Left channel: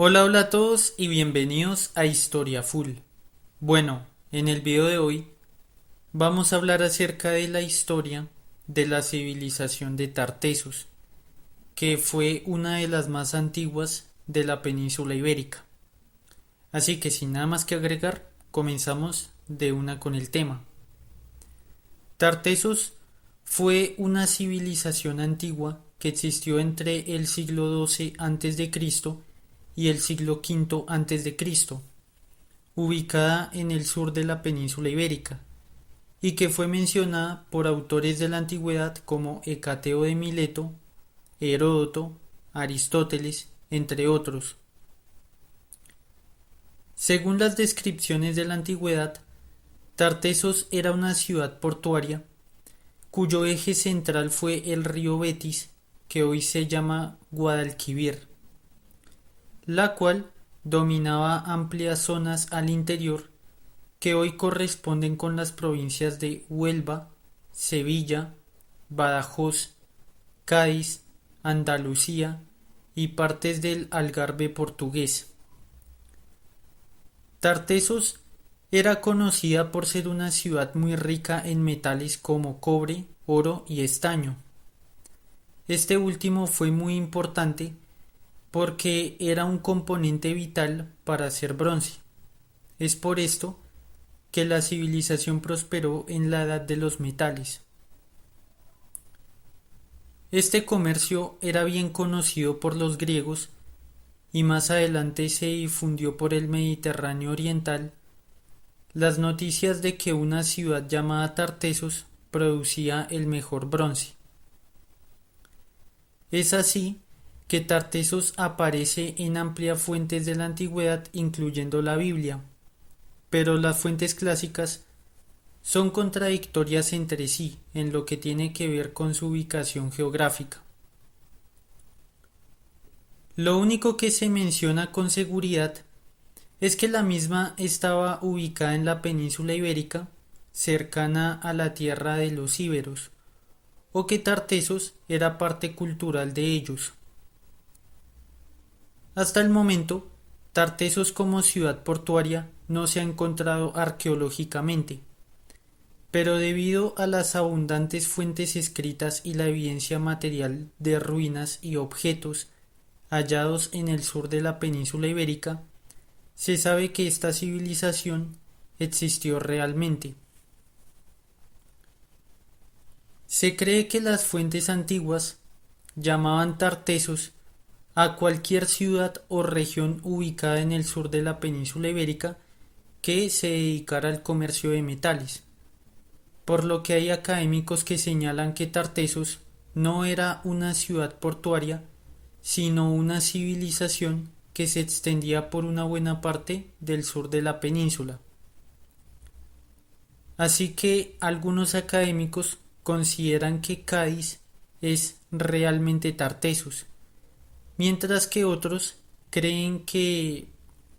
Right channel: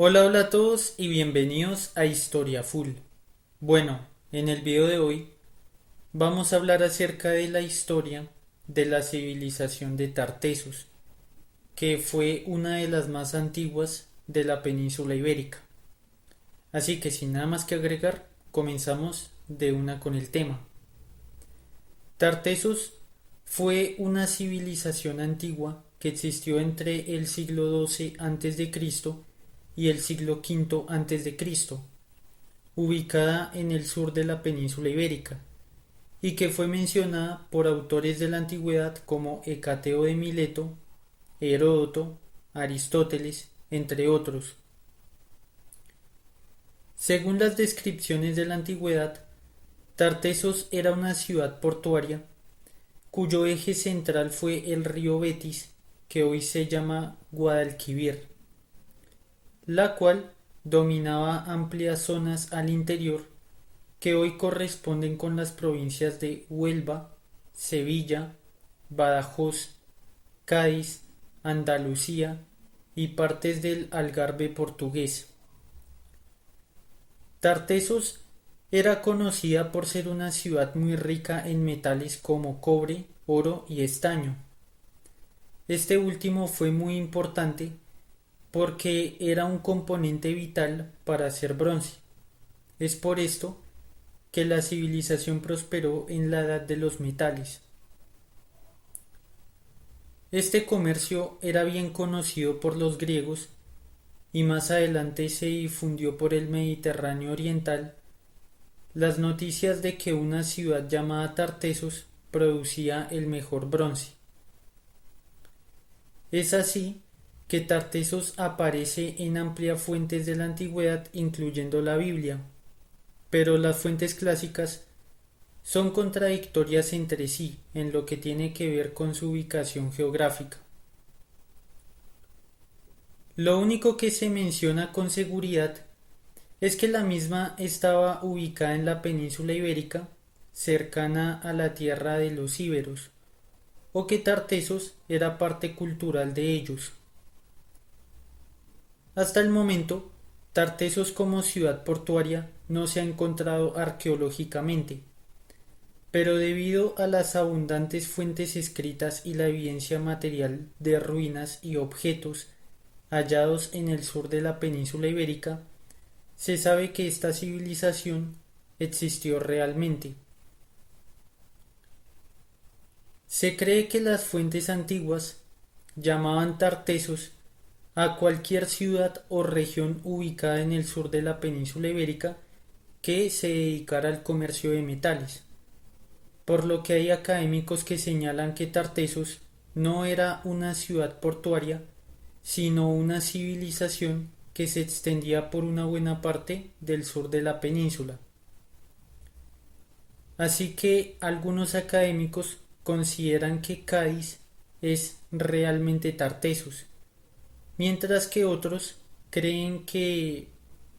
Hola a todos y bienvenidos a Historia Full. Bueno, en el video de hoy vamos a hablar acerca de la historia de la civilización de Tartessos, que fue una de las más antiguas de la península ibérica. Así que sin nada más que agregar, comenzamos de una con el tema. Tartessos fue una civilización antigua que existió entre el siglo XII a.C. y el siglo V a.C., ubicada en el sur de la península ibérica, y que fue mencionada por autores de la antigüedad como Hecateo de Mileto, Heródoto, Aristóteles, entre otros. Según las descripciones de la antigüedad, Tartessos era una ciudad portuaria cuyo eje central fue el río Betis, que hoy se llama Guadalquivir, la cual dominaba amplias zonas al interior que hoy corresponden con las provincias de Huelva, Sevilla, Badajoz, Cádiz, Andalucía y partes del Algarve portugués. Tartessos era conocida por ser una ciudad muy rica en metales como cobre, oro y estaño. Este último fue muy importante porque era un componente vital para hacer bronce. Es por esto que la civilización prosperó en la edad de los metales. Este comercio era bien conocido por los griegos y más adelante se difundió por el Mediterráneo oriental las noticias de que una ciudad llamada Tartessos producía el mejor bronce. Es así que Tartessos aparece en amplias fuentes de la antigüedad, incluyendo la Biblia, pero las fuentes clásicas son contradictorias entre sí en lo que tiene que ver con su ubicación geográfica. Lo único que se menciona con seguridad es que la misma estaba ubicada en la península ibérica, cercana a la tierra de los íberos, o que Tartessos era parte cultural de ellos. Hasta el momento, Tartessos como ciudad portuaria no se ha encontrado arqueológicamente, pero debido a las abundantes fuentes escritas y la evidencia material de ruinas y objetos hallados en el sur de la península ibérica, se sabe que esta civilización existió realmente. Se cree que las fuentes antiguas llamaban Tartessos a cualquier ciudad o región ubicada en el sur de la península ibérica que se dedicara al comercio de metales, por lo que hay académicos que señalan que Tartessos no era una ciudad portuaria, sino una civilización que se extendía por una buena parte del sur de la península. Así que algunos académicos consideran que Cádiz es realmente Tartessos, mientras que otros creen que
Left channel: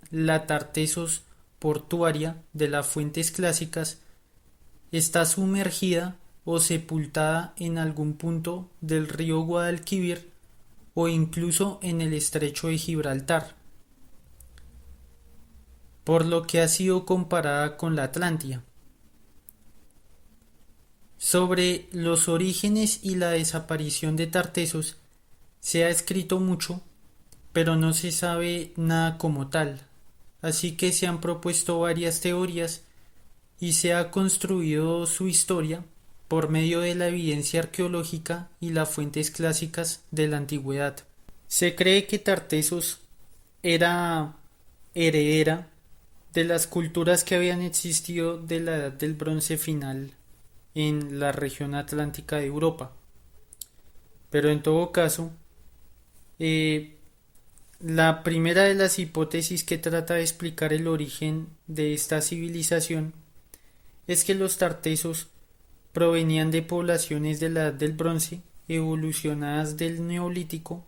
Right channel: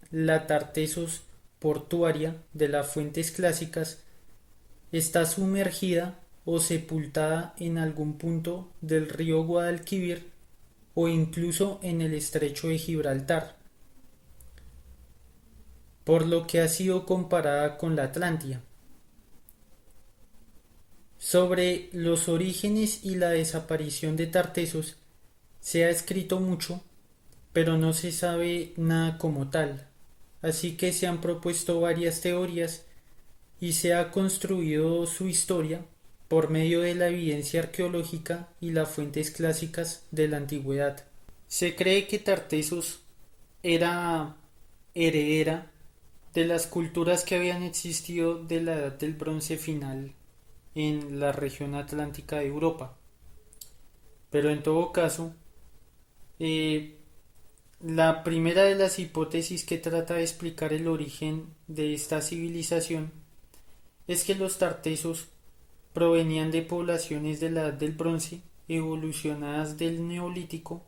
la Tartessos portuaria de las fuentes clásicas está sumergida o sepultada en algún punto del río Guadalquivir o incluso en el estrecho de Gibraltar, por lo que ha sido comparada con la Atlántida. Sobre los orígenes y la desaparición de Tartessos se ha escrito mucho, pero no se sabe nada como tal, así que se han propuesto varias teorías y se ha construido su historia por medio de la evidencia arqueológica y las fuentes clásicas de la antigüedad. Se cree que Tartessos era heredera de las culturas que habían existido de la Edad del Bronce final en la región atlántica de Europa. Pero en todo caso, eh, la primera de las hipótesis que trata de explicar el origen de esta civilización es que los tartesos provenían de poblaciones de la Edad del Bronce evolucionadas del Neolítico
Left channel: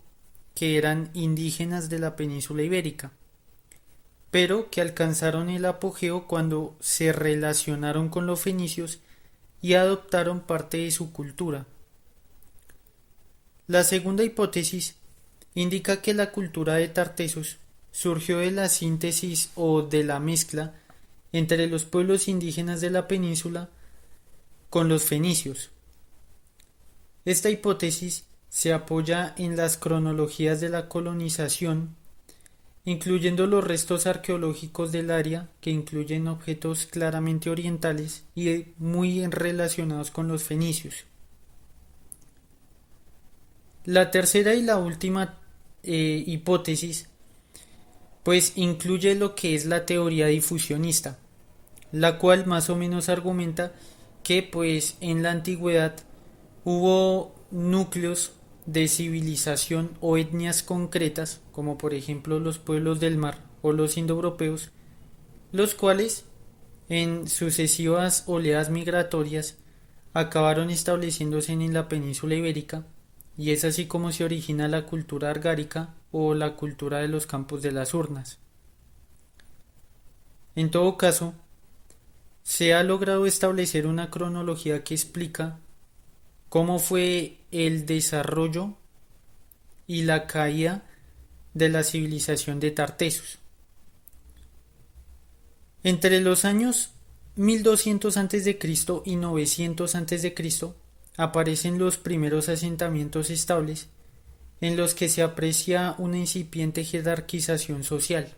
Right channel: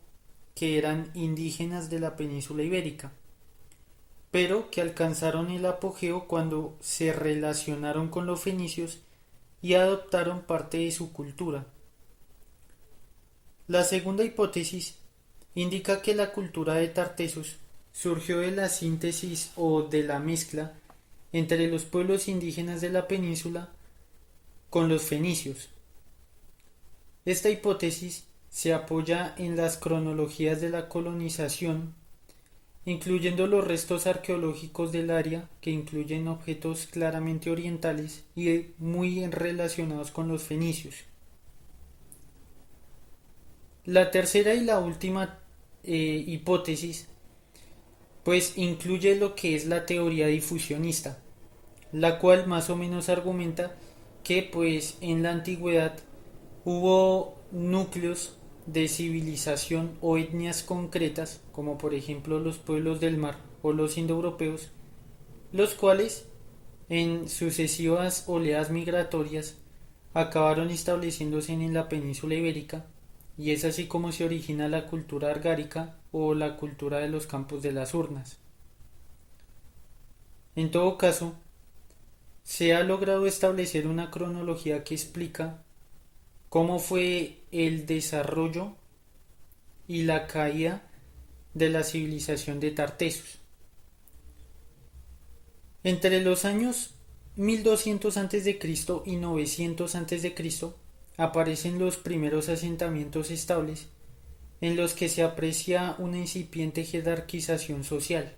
que eran indígenas de la península ibérica, pero que alcanzaron el apogeo cuando se relacionaron con los fenicios y adoptaron parte de su cultura. La segunda hipótesis indica que la cultura de Tartessos surgió de la síntesis o de la mezcla entre los pueblos indígenas de la península con los fenicios. Esta hipótesis se apoya en las cronologías de la colonización, incluyendo los restos arqueológicos del área que incluyen objetos claramente orientales y muy relacionados con los fenicios. La tercera y la última hipótesis pues incluye lo que es la teoría difusionista, la cual más o menos argumenta que pues en la antigüedad hubo núcleos de civilización o etnias concretas, como por ejemplo los pueblos del mar o los indoeuropeos, los cuales en sucesivas oleadas migratorias acabaron estableciéndose en la península ibérica, y es así como se origina la cultura argárica o la cultura de los campos de las urnas. En todo caso, se ha logrado establecer una cronología que explica cómo fue el desarrollo y la caída de la civilización de Tartessos. Entre los años 1200 a.C. y 900 a.C. aparecen los primeros asentamientos estables en los que se aprecia una incipiente jerarquización social.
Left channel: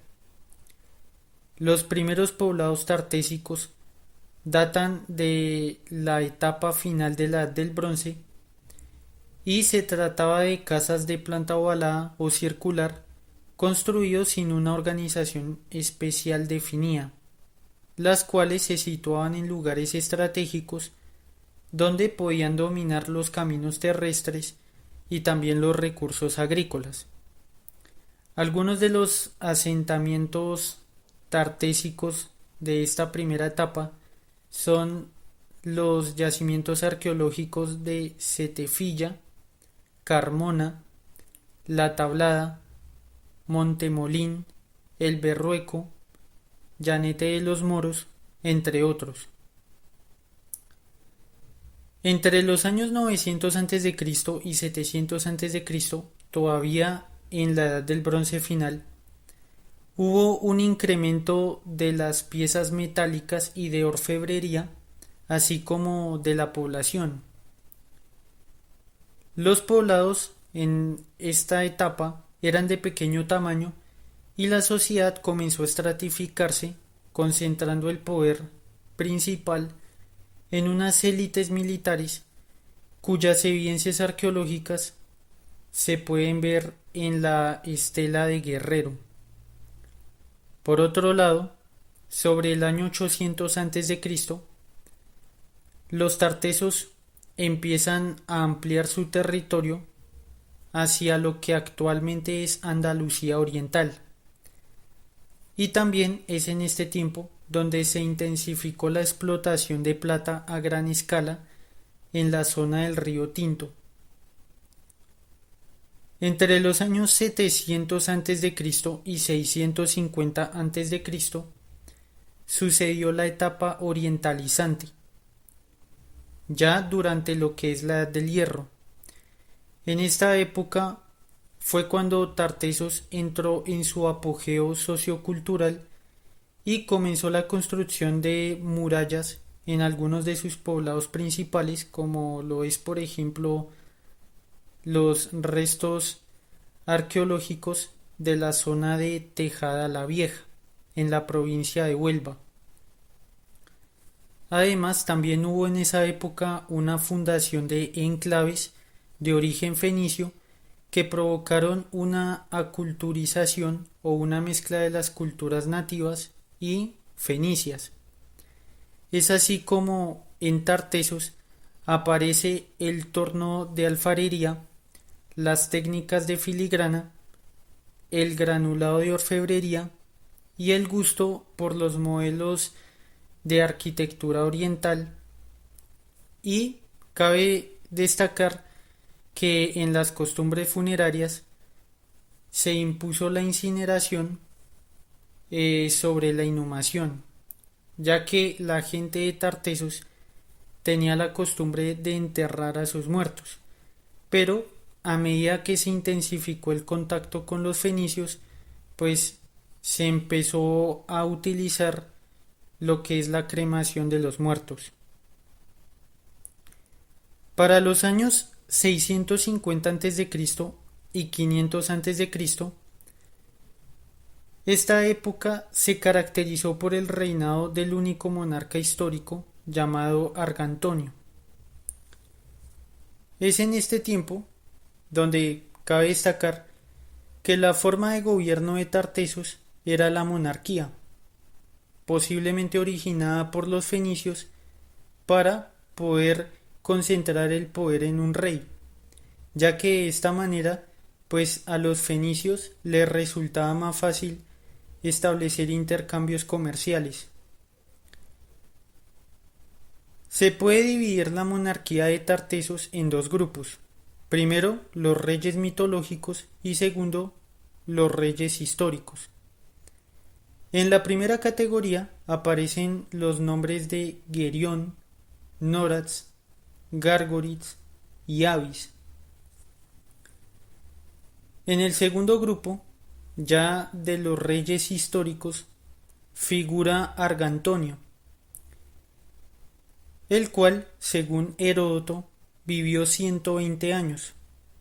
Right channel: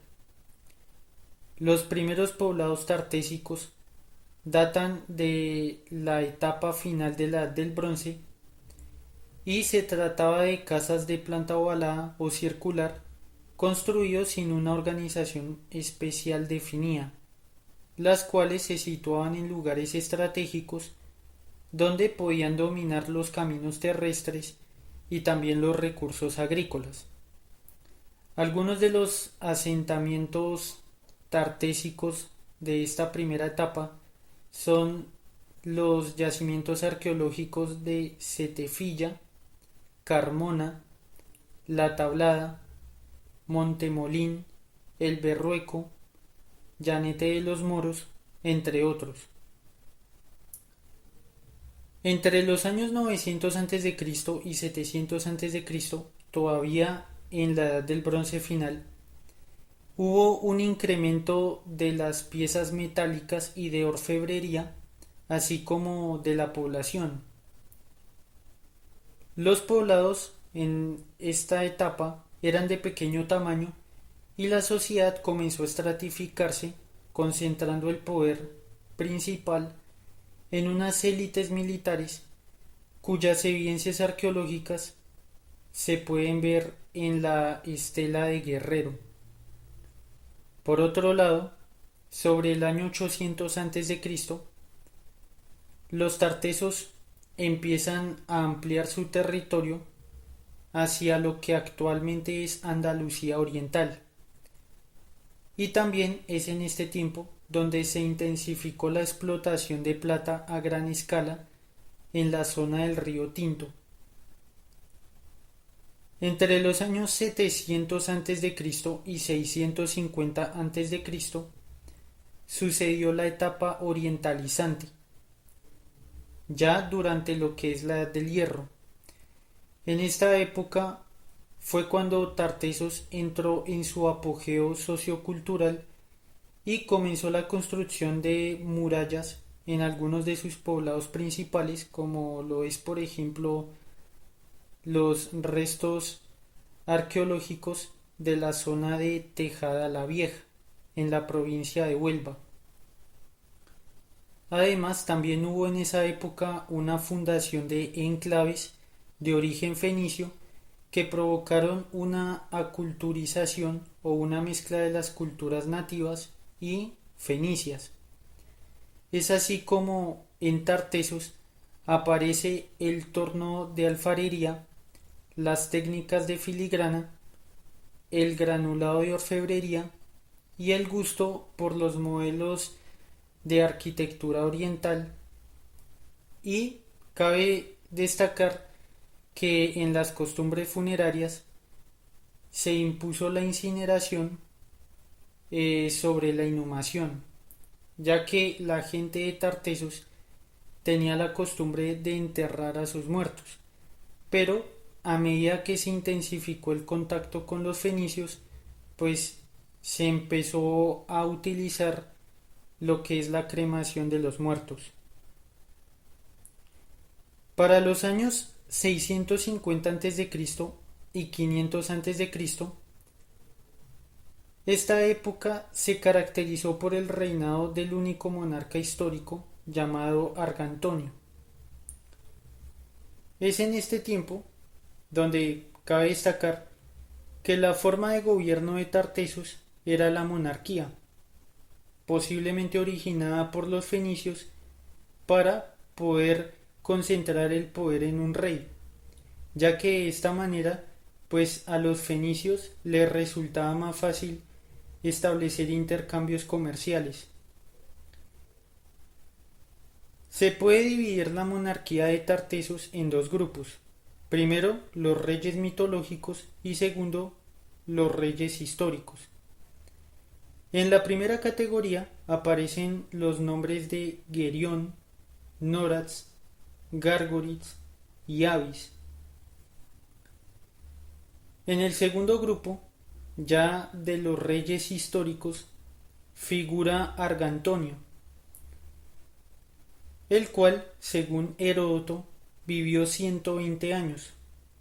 Los primeros poblados tartésicos datan de la etapa final de la Edad del Bronce y se trataba de casas de planta ovalada o circular construidos sin una organización especial definida, las cuales se situaban en lugares estratégicos donde podían dominar los caminos terrestres y también los recursos agrícolas. Algunos de los asentamientos tartésicos de esta primera etapa son los yacimientos arqueológicos de Setefilla, Carmona, La Tablada, Montemolín, El Berrueco, Llanete de los Moros, entre otros. Entre los años 900 a.C. y 700 a.C., todavía en la Edad del Bronce final, hubo un incremento de las piezas metálicas y de orfebrería, así como de la población. Los poblados en esta etapa eran de pequeño tamaño y la sociedad comenzó a estratificarse, concentrando el poder principal en unas élites militares cuyas evidencias arqueológicas se pueden ver en la estela de Guerrero. Por otro lado, sobre el año 800 a.C., los tartesos empiezan a ampliar su territorio hacia lo que actualmente es Andalucía Oriental. Y también es en este tiempo donde se intensificó la explotación de plata a gran escala en la zona del río Tinto. Entre los años 700 a.C. y 650 a.C. sucedió la etapa orientalizante, ya durante lo que es la Edad del Hierro. En esta época fue cuando Tartessos entró en su apogeo sociocultural y comenzó la construcción de murallas en algunos de sus poblados principales, como lo es por ejemplo los restos arqueológicos de la zona de Tejada la Vieja, en la provincia de Huelva. Además, también hubo en esa época una fundación de enclaves de origen fenicio que provocaron una aculturización o una mezcla de las culturas nativas y fenicias. Es así como en Tartessos aparece el torno de alfarería, las técnicas de filigrana, el granulado de orfebrería y el gusto por los modelos de arquitectura oriental. Y cabe destacar que en las costumbres funerarias se impuso la incineración sobre la inhumación, ya que la gente de Tartessos tenía la costumbre de enterrar a sus muertos, pero a medida que se intensificó el contacto con los fenicios, pues se empezó a utilizar lo que es la cremación de los muertos. Para los años 650 a.C. y 500 a.C., esta época se caracterizó por el reinado del único monarca histórico llamado Argantonio. Es en este tiempo donde cabe destacar que la forma de gobierno de Tartesos era la monarquía, posiblemente originada por los fenicios para poder concentrar el poder en un rey, ya que de esta manera pues a los fenicios les resultaba más fácil establecer intercambios comerciales. Se puede dividir la monarquía de Tartesos en dos grupos. Primero, los reyes mitológicos y segundo, los reyes históricos. En la primera categoría aparecen los nombres de Gerión, Norax, Gárgoritz y Avis. En el segundo grupo, ya de los reyes históricos, figura Argantonio, el cual, según Heródoto, vivió 120 años,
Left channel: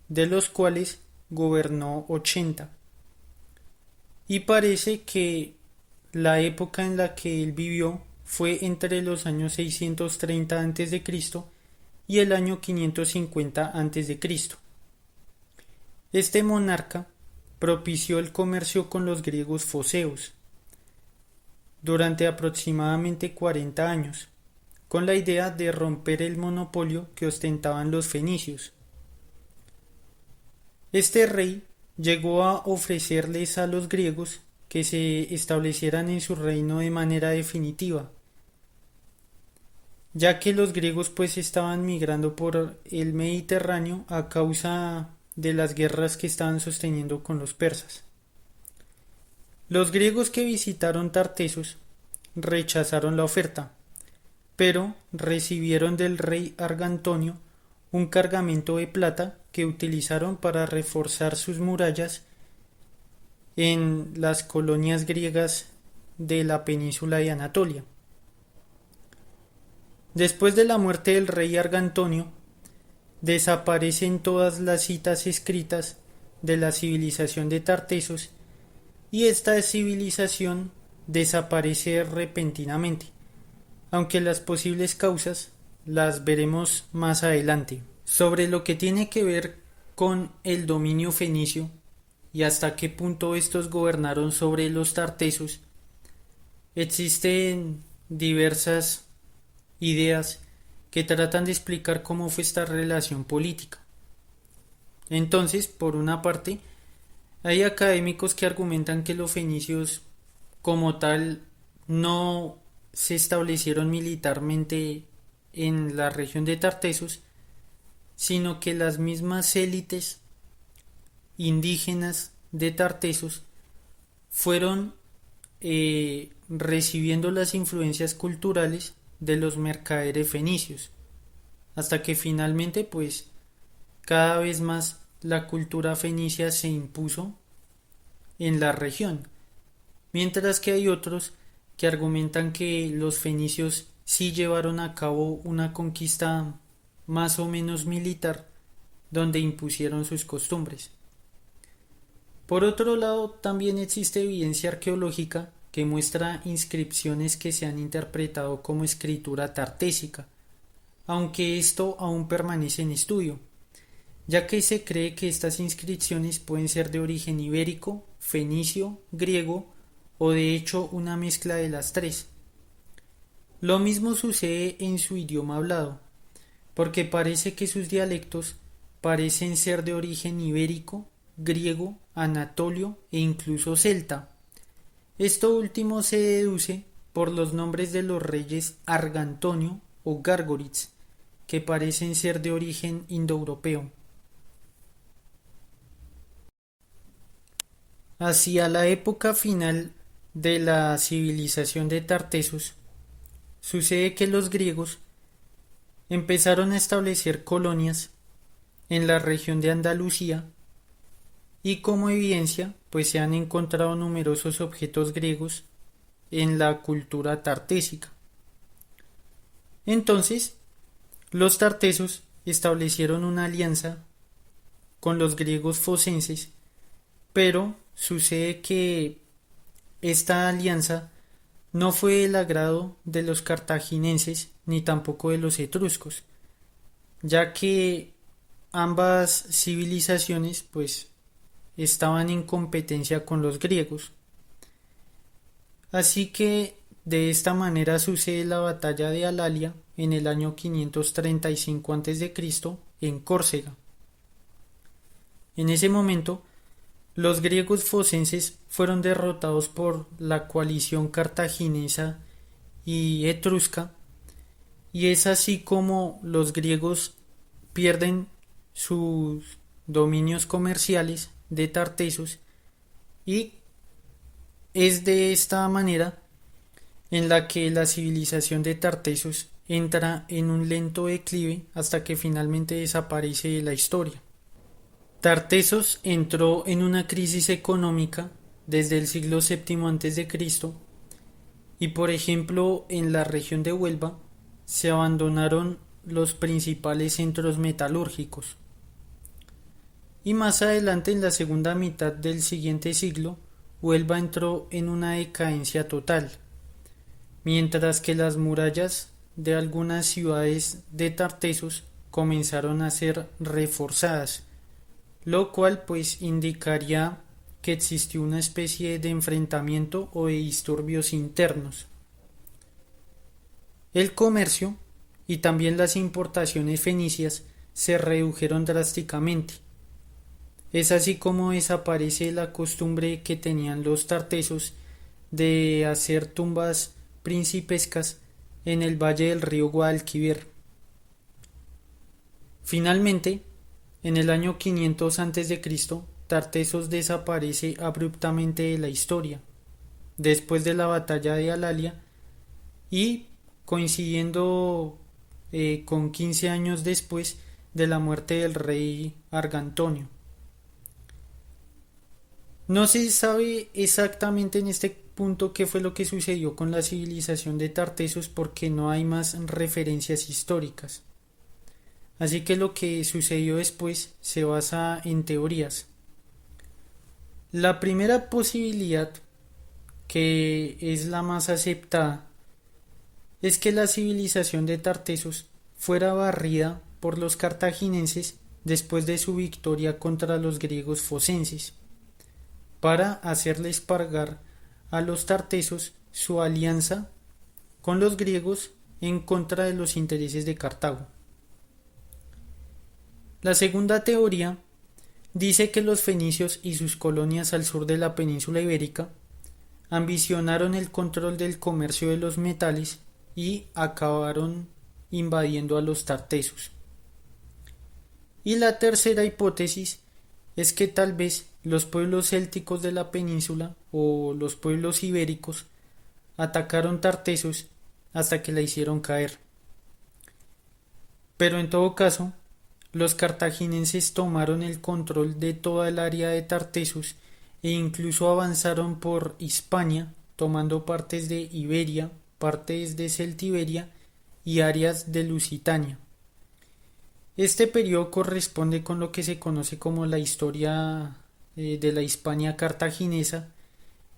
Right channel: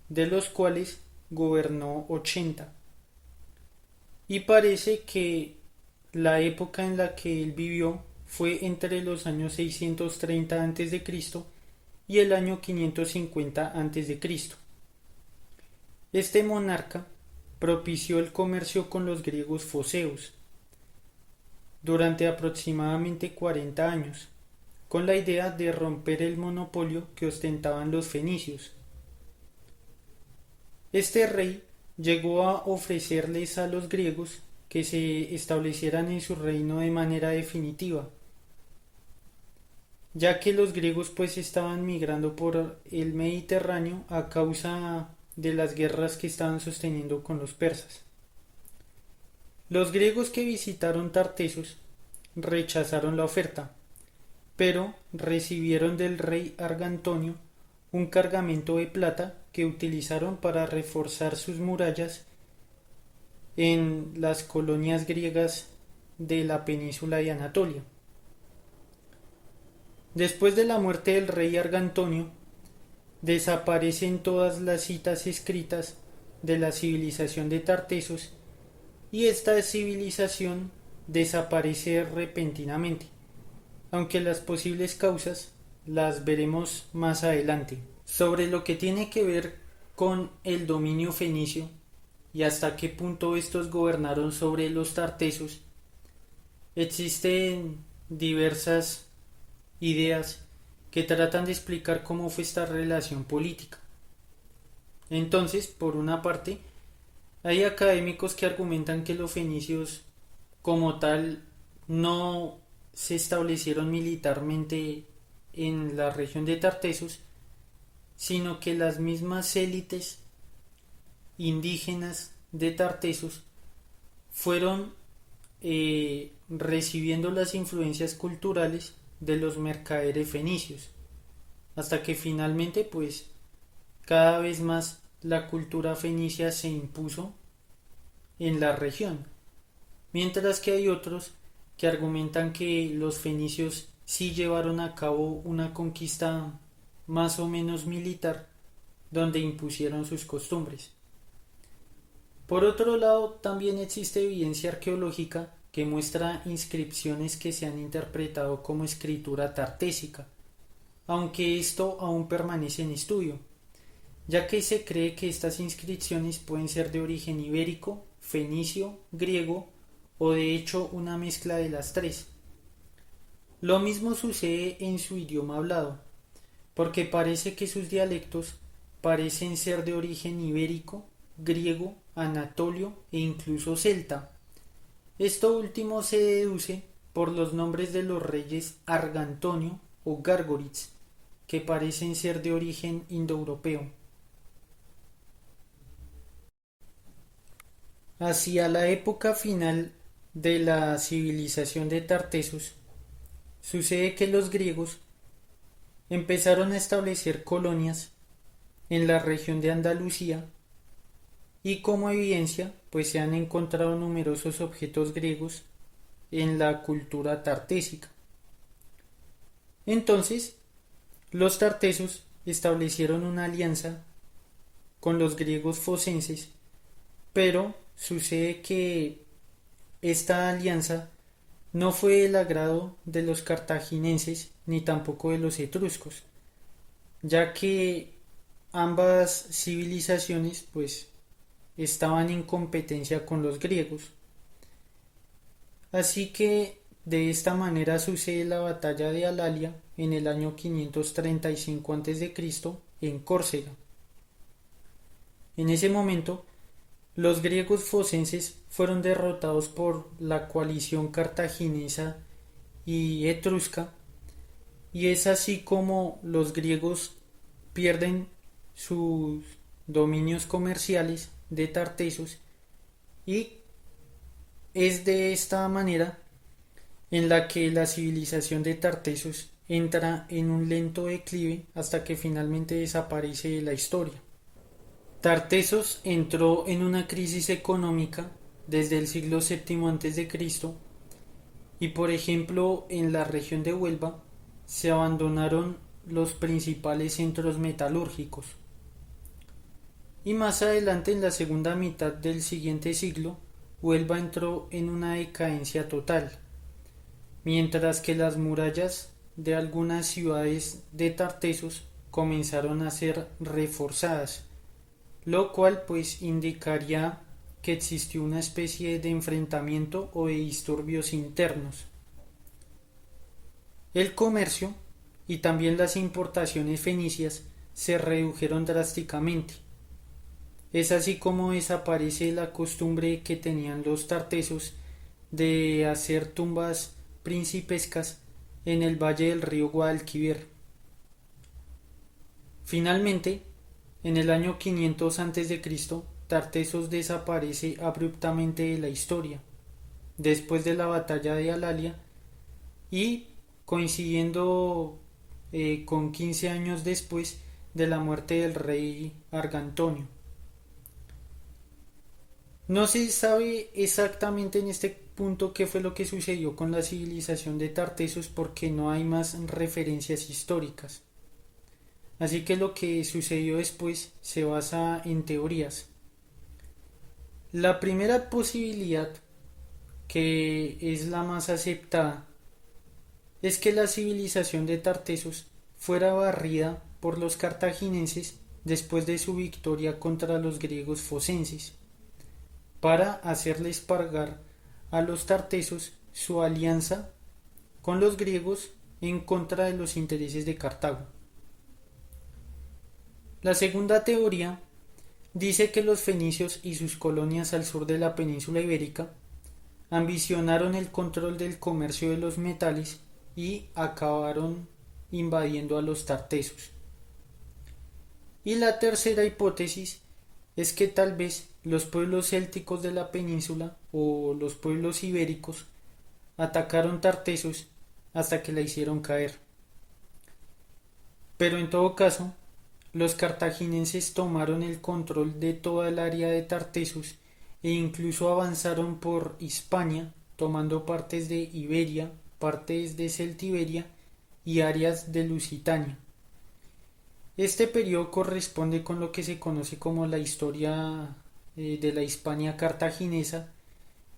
de los cuales gobernó 80. Y parece que la época en la que él vivió fue entre los años 630 a.C. y el año 550 a.C. Este monarca propició el comercio con los griegos foceos durante aproximadamente 40 años, con la idea de romper el monopolio que ostentaban los fenicios. Este rey llegó a ofrecerles a los griegos que se establecieran en su reino de manera definitiva, ya que los griegos pues estaban migrando por el Mediterráneo a causa de las guerras que estaban sosteniendo con los persas. Los griegos que visitaron Tartesos rechazaron la oferta, pero recibieron del rey Argantonio un cargamento de plata que utilizaron para reforzar sus murallas en las colonias griegas de la península de Anatolia. Después de la muerte del rey Argantonio, desaparecen todas las citas escritas de la civilización de Tartesos y esta civilización desaparece repentinamente, aunque las posibles causas las veremos más adelante. Sobre lo que tiene que ver con el dominio fenicio y hasta qué punto estos gobernaron sobre los tartesos, existen diversas ideas que tratan de explicar cómo fue esta relación política. Entonces, por una parte, hay académicos que argumentan que los fenicios como tal no se establecieron militarmente en la región de Tartesos, sino que las mismas élites indígenas de Tartesos fueron recibiendo las influencias culturales de los mercaderes fenicios, hasta que finalmente pues cada vez más la cultura fenicia se impuso en la región, mientras que hay otros que argumentan que los fenicios sí llevaron a cabo una conquista más o menos militar donde impusieron sus costumbres. Por otro lado, también existe evidencia arqueológica que muestra inscripciones que se han interpretado como escritura tartésica, aunque esto aún permanece en estudio, ya que se cree que estas inscripciones pueden ser de origen ibérico, fenicio, griego o de hecho una mezcla de las tres. Lo mismo sucede en su idioma hablado, porque parece que sus dialectos parecen ser de origen ibérico, griego, anatolio e incluso celta. Esto último se deduce por los nombres de los reyes Argantonio o Gárgoritz, que parecen ser de origen indoeuropeo. Hacia la época final de la civilización de Tartesos, sucede que los griegos empezaron a establecer colonias en la región de Andalucía y como evidencia pues se han encontrado numerosos objetos griegos en la cultura tartésica. Entonces, los tartesos establecieron una alianza con los griegos focenses, pero sucede que esta alianza no fue del agrado de los cartagineses ni tampoco de los etruscos, ya que ambas civilizaciones pues estaban en competencia con los griegos. Así que de esta manera sucede la batalla de Alalia en el año 535 a.C. en Córcega. En ese momento, los griegos focenses fueron derrotados por la coalición cartaginesa y etrusca, y es así como los griegos pierden sus dominios comerciales de Tartesos, y es de esta manera en la que la civilización de Tartesos entra en un lento declive hasta que finalmente desaparece de la historia. Tartesos entró en una crisis económica desde el siglo VII a.C. y por ejemplo en la región de Huelva se abandonaron los principales centros metalúrgicos. Y más adelante, en la segunda mitad del siguiente siglo, Huelva entró en una decadencia total, mientras que las murallas de algunas ciudades de Tartesos comenzaron a ser reforzadas, lo cual pues indicaría que existió una especie de enfrentamiento o de disturbios internos. El comercio y también las importaciones fenicias se redujeron drásticamente. Es así como desaparece la costumbre que tenían los tartesos de hacer tumbas principescas en el valle del río Guadalquivir. Finalmente, en el año 500 a.C., Tartesos desaparece abruptamente de la historia, después de la batalla de Alalia y coincidiendo con 15 años después de la muerte del rey Argantonio. No se sabe exactamente en este punto qué fue lo que sucedió con la civilización de Tartesos porque no hay más referencias históricas. Así que lo que sucedió después se basa en teorías. La primera posibilidad, que es la más aceptada, es que la civilización de Tartesos fuera barrida por los cartagineses después de su victoria contra los griegos focenses, para hacerles pagar a los tartesos su alianza con los griegos en contra de los intereses de Cartago. La segunda teoría dice que los fenicios y sus colonias al sur de la península ibérica ambicionaron el control del comercio de los metales y acabaron invadiendo a los tartesos. Y la tercera hipótesis es que tal vez los pueblos célticos de la península o los pueblos ibéricos atacaron Tartesos hasta que la hicieron caer. Pero en todo caso, los cartagineses tomaron el control de toda el área de Tartesos e incluso avanzaron por Hispania, tomando partes de Iberia, partes de Celtiberia y áreas de Lusitania. Este periodo corresponde con lo que se conoce como la historia de la Hispania cartaginesa,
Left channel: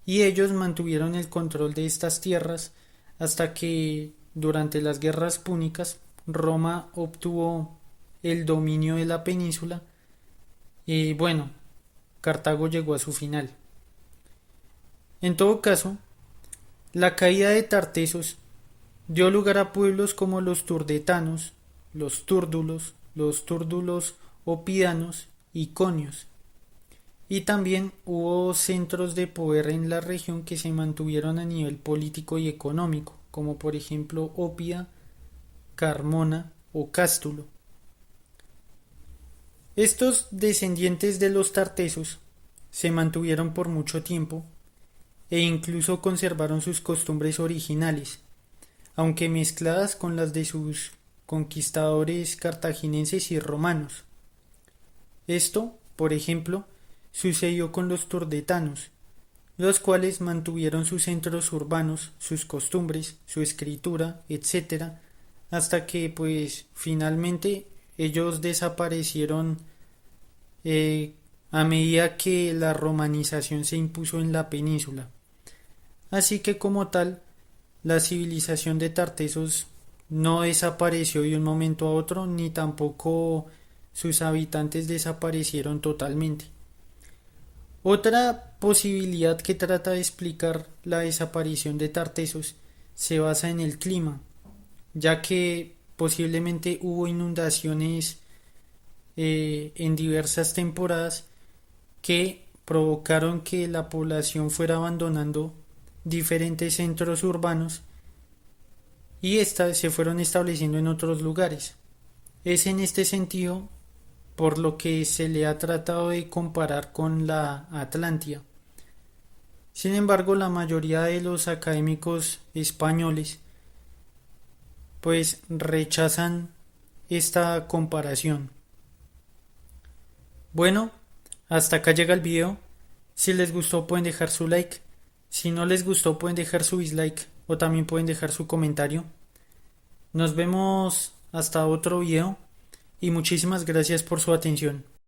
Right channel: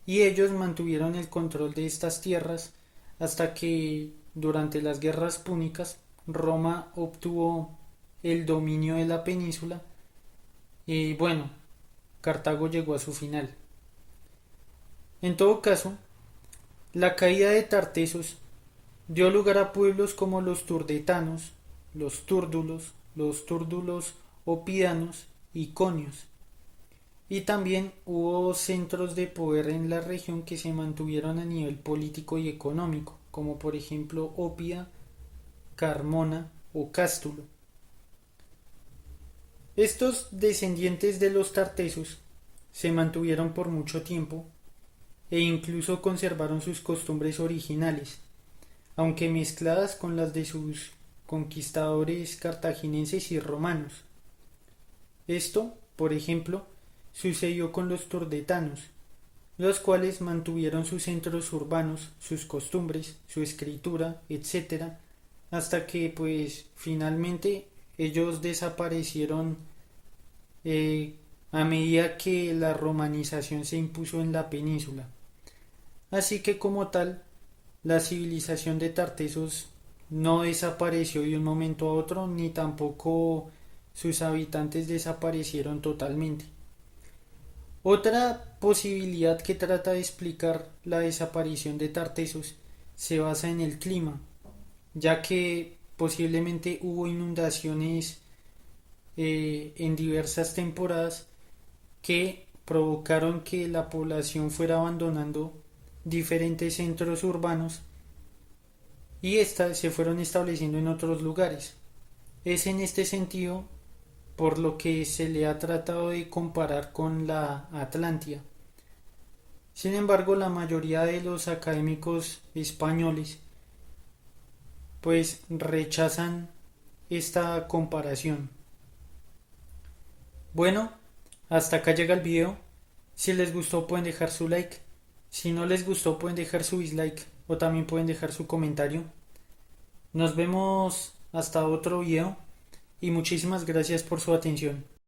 y ellos mantuvieron el control de estas tierras hasta que durante las guerras púnicas Roma obtuvo el dominio de la península y bueno, Cartago llegó a su final. En todo caso, la caída de Tartesos dio lugar a pueblos como los turdetanos, los túrdulos opidanos y conios. Y también hubo centros de poder en la región que se mantuvieron a nivel político y económico, como por ejemplo Ópida, Carmona o Cástulo. Estos descendientes de los tartesos se mantuvieron por mucho tiempo e incluso conservaron sus costumbres originales, aunque mezcladas con las de sus conquistadores cartagineses y romanos. Esto, por ejemplo, sucedió con los turdetanos, los cuales mantuvieron sus centros urbanos, sus costumbres, su escritura, etcétera, hasta que pues finalmente ellos desaparecieron a medida que la romanización se impuso en la península. Así que como tal, la civilización de Tartesos no desapareció de un momento a otro, ni tampoco sus habitantes desaparecieron totalmente. Otra posibilidad que trata de explicar la desaparición de Tartesos se basa en el clima, ya que posiblemente hubo inundaciones en diversas temporadas que provocaron que la población fuera abandonando diferentes centros urbanos y éstas se fueron estableciendo en otros lugares. Es en este sentido por lo que se le ha tratado de comparar con la Atlántida. Sin embargo, la mayoría de los académicos españoles pues rechazan esta comparación. Bueno, hasta acá llega el video. Si les gustó pueden dejar su like. Si no les gustó pueden dejar su dislike o también pueden dejar su comentario. Nos vemos hasta otro video y muchísimas gracias por su atención.